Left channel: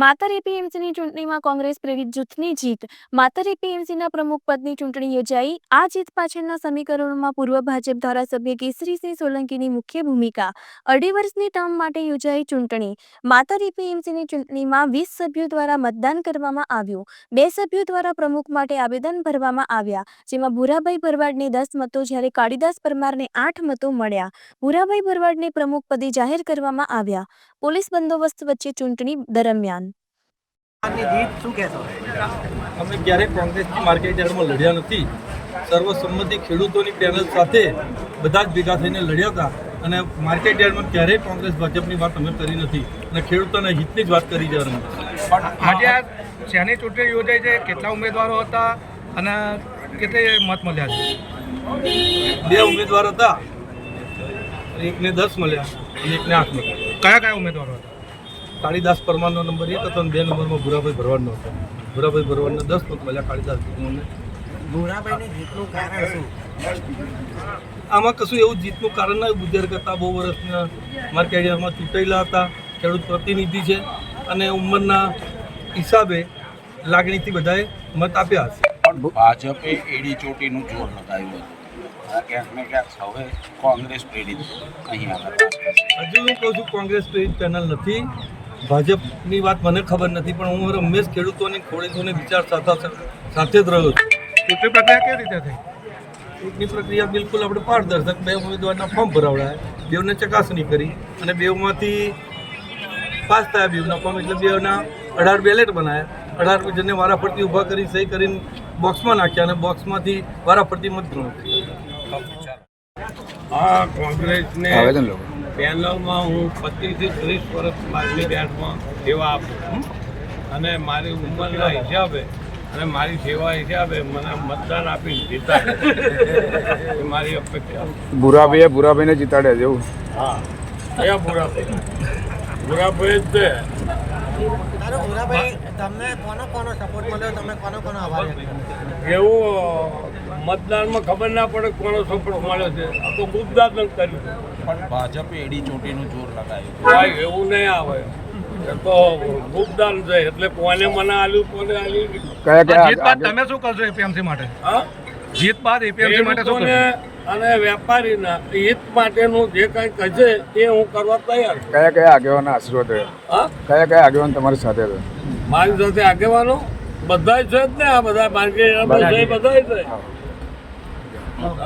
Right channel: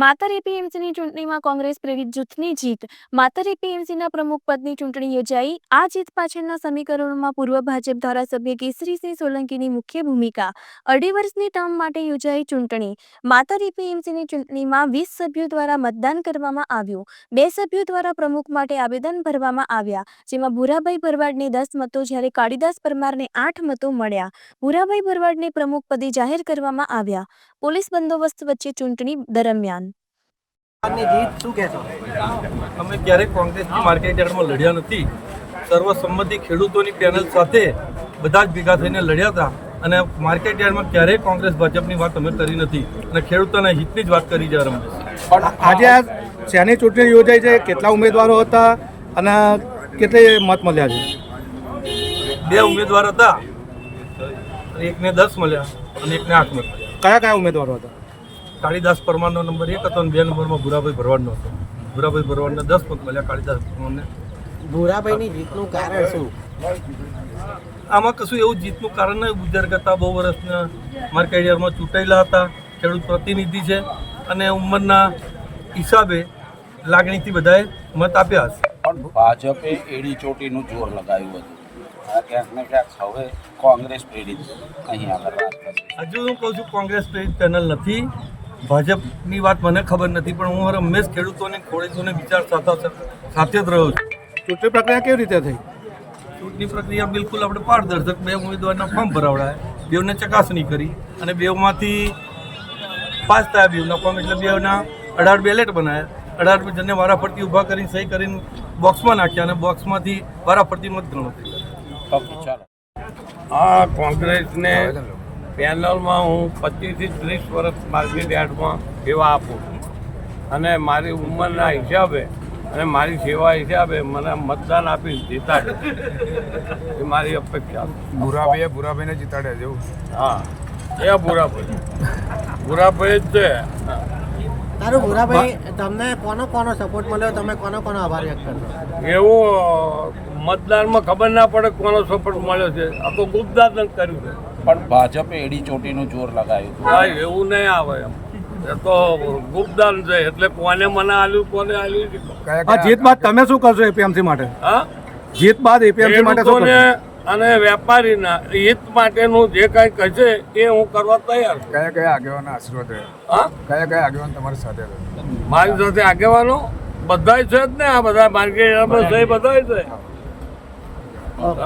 Matar એપીએમસીની ચૂંટણીમાં કોંગ્રેસ પ્રેરિત જૂથની જીત, માતર એપીએમસીના પ્રમુખ પદની ચૂંટણી યોજાઈ. આ જીત પાછળના સમીકરણોમાં પૂર્વ ભાજપ ધારાસભ્ય કેસરીસિંહ સોલંકીની મુખ્ય ભૂમિકા. અઢી વર્ષની ટર્મ માટે યોજાઈ ચૂંટણી. માતર એપીએમસીની ચૂંટણીમાં વીસ સભ્યો દ્વારા મતદાન કરવામાં આવ્યું. બે સભ્યો દ્વારા પ્રમુખ માટે આવેદન ભરવામાં આવ્યા, જેમાં ભૂરાભાઈ ભરવાડને દસ મતો, જ્યારે કાળીદાસ પરમારને આઠ મતો મળ્યા. ભૂરાભાઈ ભરવાડને પ્રમુખ પદે જાહેર કરવામાં આવ્યા. પોલીસ બંદોબસ્ત વચ્ચે ચૂંટણી દરમિયાન આજની જીત શું કહેશો અમે ક્યારેય કોંગ્રેસની માર્કેટ યાર્ડમાં લડ્યા નથી. સર્વસંમતિ ખેડૂતોની પેનલ સાથે બધા જ ભેગા થઈને લડ્યા હતા અને માર્કેટ યાર્ડમાં ક્યારેય કોંગ્રેસ ભાજપની વાત અમે કરી નથી અને ખેડૂતોના હિતની જ વાત કરી છે અમે પણ આજે આ શેની ચૂંટણી યોજાઈ છે કેટલા ઉમેદવારો હતા અને કેટલી મત મળ્યા છે? બે ઉમેદવાર હતા અને એકને દસ મળ્યા અને એકને આઠ મત મળ્યા. કયા કયા ઉમેદવારો હતા? કાળીદાસ પરમારનો નંબર એક હતો અને બે નંબરમાં ભૂરાભાઈ ભરવાડનો હતો. ભૂરાભાઈ ભરવાડને દસ મત મળ્યા કાળીદાસ પરમારને ભૂરાભાઈની જીતનું કારણ શું? આમાં કશું એવું જીતનું કારણ નહીં ગુજર કરતા બહુ વર્ષના મારા કેરિયરમાં ચૂંટાયેલા હતા. ખેડૂત પ્રતિનિધિ છે અને ઉંમરના હિસાબે લાગણીથી બધાએ મત આપ્યા હશે. પણ ભાજપે એડી ચોટીનું જોર લગાવ્યું હતું. ને હજુ હું કહું છું કોંગ્રેસ પ્રેરિત ચેનલ નથી. ભાજપની વાત મને ખબર નથી પણ હું હંમેશ ખેડૂતોને ખેડૂતોને વિચાર સાથે સાથે જ રહ્યો છું. ચૂંટણી પ્રક્રિયા કેવી રીતે થઈ? ચૂંટણી પ્રક્રિયા બિલકુલ આપણે પારદર્શક. બે ઉમેદવારના ફોર્મ ભરાવડાયા. બેઉને ચકાસણી કરી અને બેઉમાંથી પાસ થયા બેઉના ફોર્મ એટલે બેઉના અઢાર બેલેટ બનાવ્યા અઢાર જણને વારાફરતી ઊભા કરીને સહી કરીને બોક્સમાં નાખ્યા અને બોક્સમાંથી વારાફરતી મત ગણો આ કોંગ્રેસને પેનલમાં હું પચીસથી ત્રીસ વર્ષ મારી બેટમાં સેવા આપું છું. અને મારી ઉંમરના હિસાબે અને મારી સેવા હિસાબે મને મતદાન આપી જીતાડે એ મારી અપેક્ષા. ભૂરાભાઈએ ભૂરાભાઈને જીતાડ્યા છે હા. એ ભૂરાભાઈ ભૂરાભાઈ જ છે. તારું ભૂરાભાઈ તમને કોનો કોનો સપોર્ટ મળ્યો? તમે કોનો કોનો આભાર એવું મતદારમાં ખબર ના પડે કોનો સપોર્ટ મળ્યો છે. આ તો ગુપ્તદાન કર્યું છે. પણ ભાજપે એડી ચોટીનું જોર લગાવ્યું એવું નહીં આવે એમ. એ તો ગુપ્તદાન છે એટલે કોને મને આલ્યું કોને આલ્યું જીત બાદ તમે શું કરશો એપીએમસી માટે? હા? જીત બાદ એપીએમસી માટે શું કરશો? અને વેપારીના હિત માટેનું જે કાંઈ કહેશે એ હું કરવા તૈયાર છું. કયા કયા આગેવાના રહ્યો હા? કયા કયા આગેવાન તમારી સાથે મારી સાથે આગેવાનો બધાય છે જ ને આ બધા માર્કેટ બધા છે.